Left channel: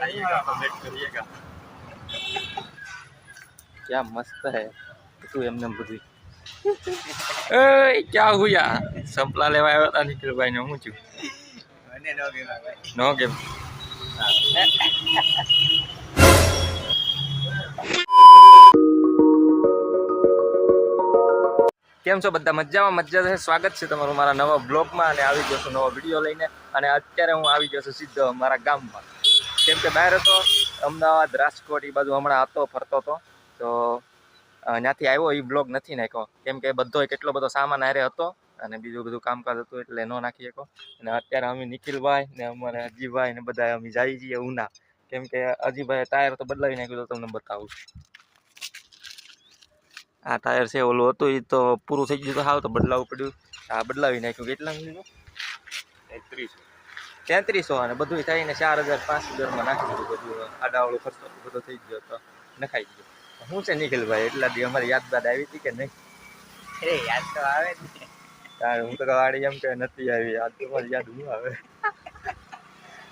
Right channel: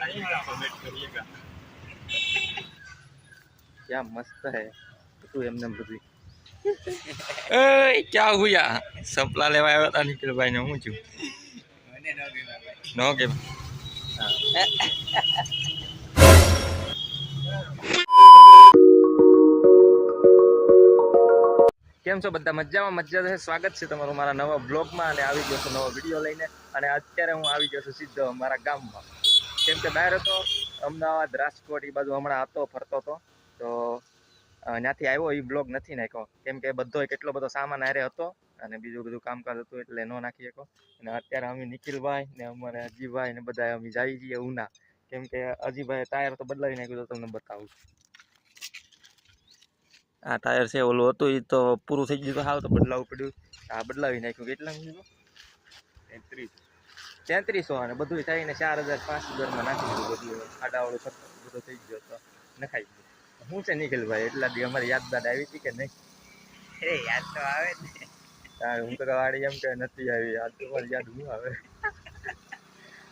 बताइएगा कमेंट करिएगा क्या मस्त है તું એમને બધું ए क्या हुआ सपला लेवा આવ્યા હતા નિખિલભાઈ ને હું છું મને નો કહેવાય નો કેમ કેમ છો બધા મજામાં મજા છે સ્વાગત છે તમારું મારા નવા બ્લોગમાં અને આવી ગયો છું નવો વિડીયો લઈને અને અત્યારે હું આવી ગયો છું સીધો મારા ગામમાં કેમ કે બહાર હતો, અમદાવાદ, રાજકોટ એ બાજુ હમણાં હતો ફરતો હતો તો ત્યાંથી આવ્યો એ બ્લોગ નથી નાખ્યો. કેમ કે બધો કેટલો બધો સામાન હારે હતો અને બીજું બધું કામકાજ હતું એટલે ન નાખી શકો અને અત્યારે અમે નિખિલભાઈ ને અમારે અજીભાઈ ને બધા અમે જઈએ છીએ ઉના. કેમ કે અજીભાઈ ટાયર તો બદલાવી નાખ્યું તો તમને બતાવું. આ ટાયર છે, ઓલું હતું એ તો પૂરું થઈ ગયું તો હાવ તો બદલાવવું પડ્યું. આ બદલાવી નાખ્યું. કેટલા લીધું? તેત્રીસ તેત્રીસો અને બધું થઈને ચાર હજાર પાંચ હજારમાં નાખી દીધું બધું. આડાવાળું ખર્ચો બધો થઈ ગયો તો નખાઈ ગયો. શું છે નિખિલભાઈ એટલા બી અમારી યાદગાદ આવી હતી કે નહીં? એ યાદ તો આવે જ ને. કારણ હું તો વાડી એમ કે નથી આવી યાદ તો મારી યાદ હું આવે.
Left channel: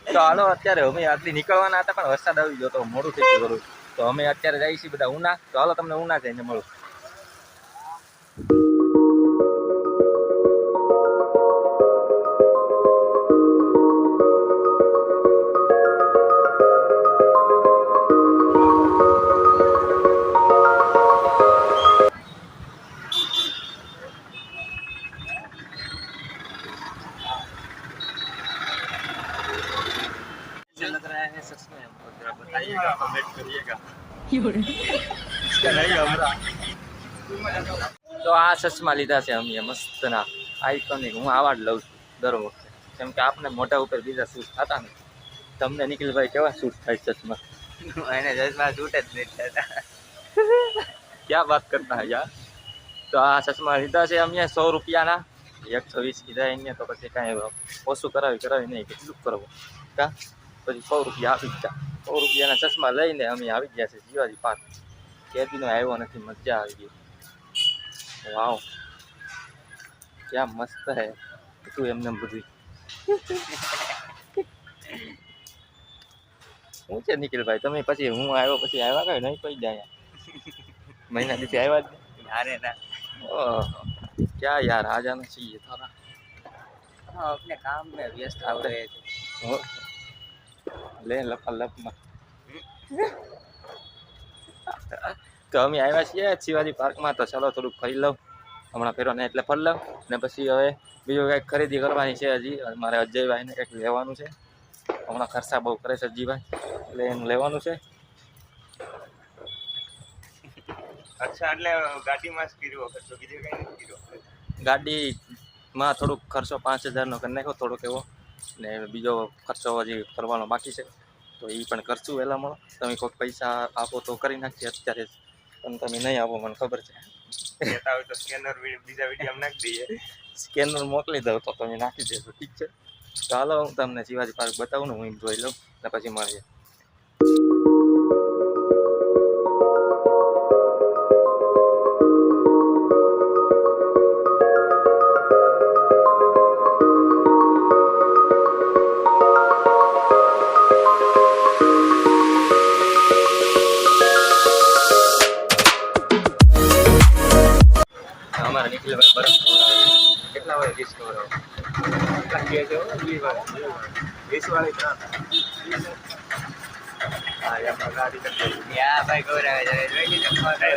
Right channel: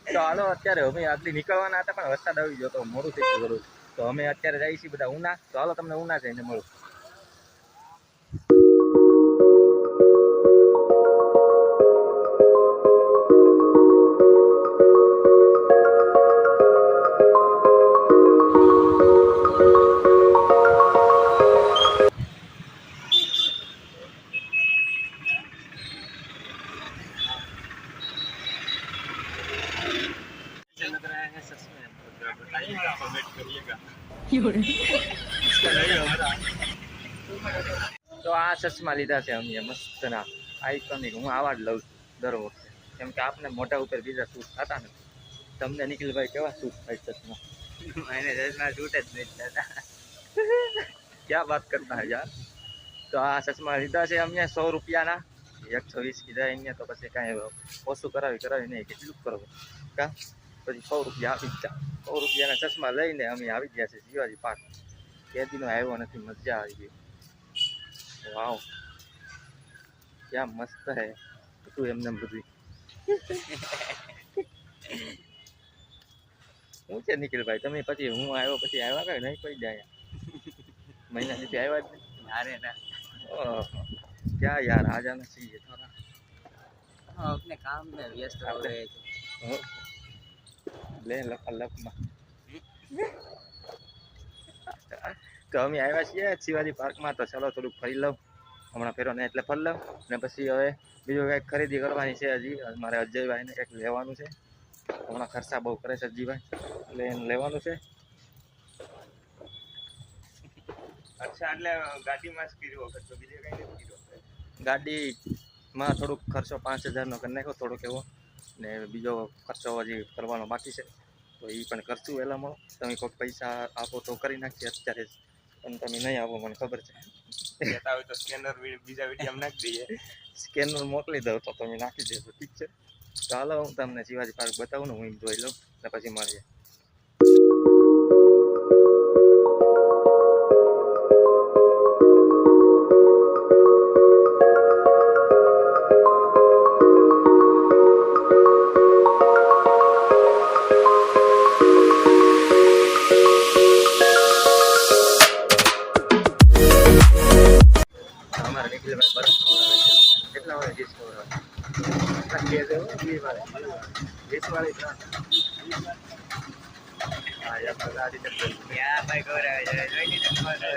તો હાલો અત્યારે અમે આટલી નીકળવાના હતા પણ વરસાદ આવી ગયો તો મોડું થઈ ગયું તો અમે અત્યારે જઈએ છીએ બધા ઉના. તો હાલો તમને ઉના જઈને મળું. તો આ ચશ્મા લીધા છે અમે મસ્તના. આઈકોનિક હું આવા જ લઉં છું દર વખતે. કેમ કે આપણે મોટા ઉપર બીજા શૂટ થતા ને તમને નિખિલભાઈ કેવા શૂટ થાય ચશ્મા? એને ચશ્મા શૂટ જ નહીં થતા ક્યાં વાત કરતા યાર? તો આ ચશ્મા લીધા છે અમે સો રૂપિયાના. એકસો વીસ કીધા અહીંયા તો પછી કાંઈ ઓછું કરાવી કરાવી નહીં કે કેટલું કરવું? કા? પછી સો રૂપિયા આપી દીધા સો રૂપિયાના ચશ્મા લઈને અમે આવી ગયા છે શિવાજી પાર્ક કેદીનો આવ્યો નથી મજા આવી ગઈ વાવ ક્યાં મસ્ત હે તું એમને બધું શું છે નિખિલભાઈ તમે પછી હું આવ્યો પછી આવ્યા કઈ નહીં કોઈ જાય મહિના દિવસે આવ્યા જ નહીં નારે ના ઓહ, क्या यार आ जाना चाहिए था ना हाँ, अपने काम में व्यस्त हो गए थे લપા લપમાં તો અમે આવ્યા છીએ શિવાજી પાર્કમાં તો ચાલો થોડુંક ફરી લઉં. હમણાં ફેરવાને એટલે ફરી લઉં. ને પછી હવે બીજું કંઈક ખરીદી કરવાની છે હજી. મારે અજયભાઈને કંઈક લેવાનું છે. હમણાં ખર્ચા બહુ કરે છે અજીભાઈ એટલે એનું લેવાનું છે. અચ્છા એટલે ગાડીમાં જ કર્યો ખર્ચો બીજું કઈ કર્યો ગાડીમાં થોડુંક ખર્ચો પાંચ હજારનો કરી નાખ્યો થોડોક એવો. ને બીજો ખર્ચો હજી કરવાનો બાકી છે. તો એ પણ કરશું મળો તમે કોઈક પૈસા આપો તો કરી નાખીએ અત્યારે. પણ તમે નહીં આપો મને ખબર છે. કહેતા હોય તો સ્કેનર બીજા વીડિયો નાખી દઈએ. સ્કેનર મોકલી દઉં તો તમે નાખી દેજો. ઠીક છે? ચાલો હું તમને શિવાજી પાર્ક બતાવું ને હું જોઈ લઉં. ને પછી મળીએ.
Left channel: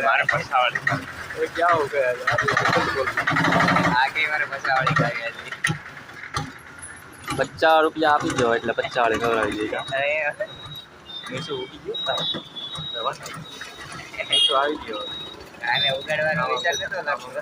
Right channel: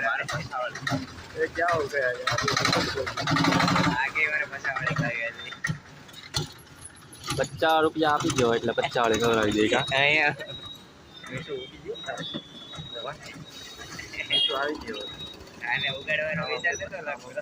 મારે ફસાવાળી ક્યાં ઉભે આગે મારે ફસાવાળી કરી પચાસ રૂપિયા આપી દો એટલે પચાસ વાળી ગણાવી દઈશું એસો ઉગી ગયો? એસો આવી ગયો. આને ઉગાડવાનો વિચાર નતો લાગ્યો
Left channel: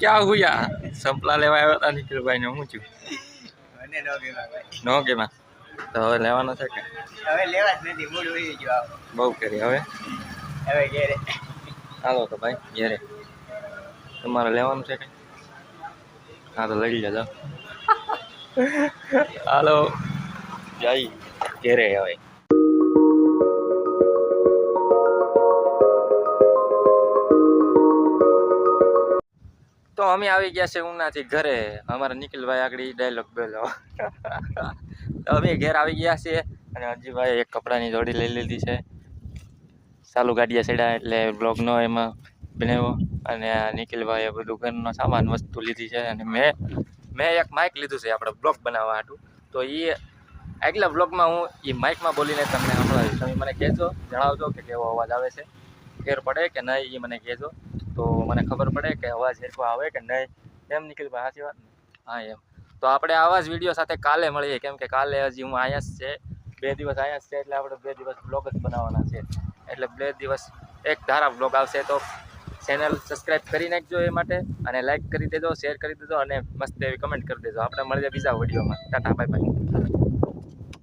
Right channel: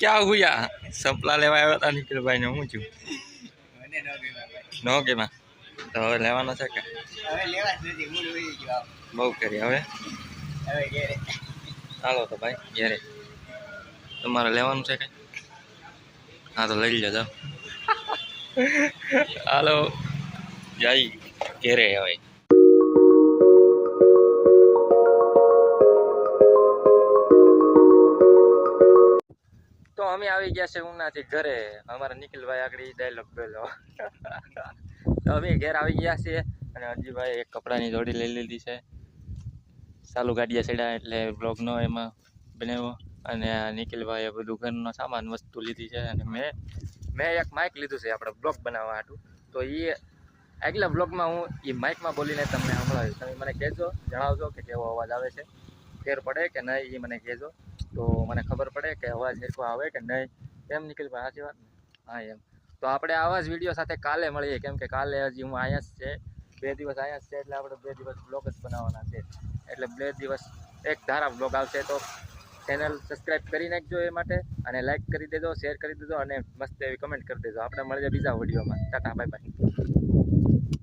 ક્યાં હુયા સંપલા લેવા આવ્યા હતા નિખિલભાઈ ને હું છું? નો કેમાં તો હવે લેવાના છે કે? હવે લેવા જ નથી મૂળ ઉડી ગયો બહુ કરી હવે? હવે ઘેરે. હાલો તો ભાઈ ઘેરે. તમારે લેવાનું છે કે હા તો લઈ લેજો. હાલો. જઈ ઘેરે હવે. અમે આવી ગયા છે ઉનાથી ઘરે. અમારા નિખિલભાઈ આગળ ડાયલોગ બોલો અમે ઘેર આવી ગયા છીએ અને હજીભાઈ એક કપડાની જોડી લઈ લીધી છે. ચાલુ ગાડીએ ચડ્યા એટલે બ્લોગનો એમાં બનાવ્યો અને આ નિખિલભાઈએ બધું ઘરનો સામાન, વસ્તુ લીધી છે અને મેં મેં એક માઇક લીધું છે આપણે બ્લોગ બનાવવા હાટું. તો એ આગલા બ્લોગમાં હું એ માઇકમાં બોલીને તમને સંભળાવીશ તમે મને કહેજો, જણાવજો કે કેવો અવાજ આવે છે. ફેર પડે કે નહીં એ મને કહેજો. તો મને ખબર પડે કે અવાજ સરખો આવે કે નહીં. એમ નિખિલભાઈ સાચી વાત હા, એમ. તો આપણે આવા જ વીડિયો સાથે કાલે મળીએ. કેમ કે કાલે હજી હું અહીંયા જ છે. બે દિવસ અહીંયા જ છે એટલે આપણે બે દિવસ બ્લોગ જ બનાવવાના છે. એટલે બે દિવસ એક ધારા બ્લોગ આવશે. તો ચેનલ સબસ્ક્રાઇબ કરી નાખજો એ માટે અને લાઇક કરી દેજો શેર કરી દેજો અને મસ્ત એવી કમેન્ટ કરી દેજો. આપણે મળીએ બીજા વિડીયોમાં. Tata bye bye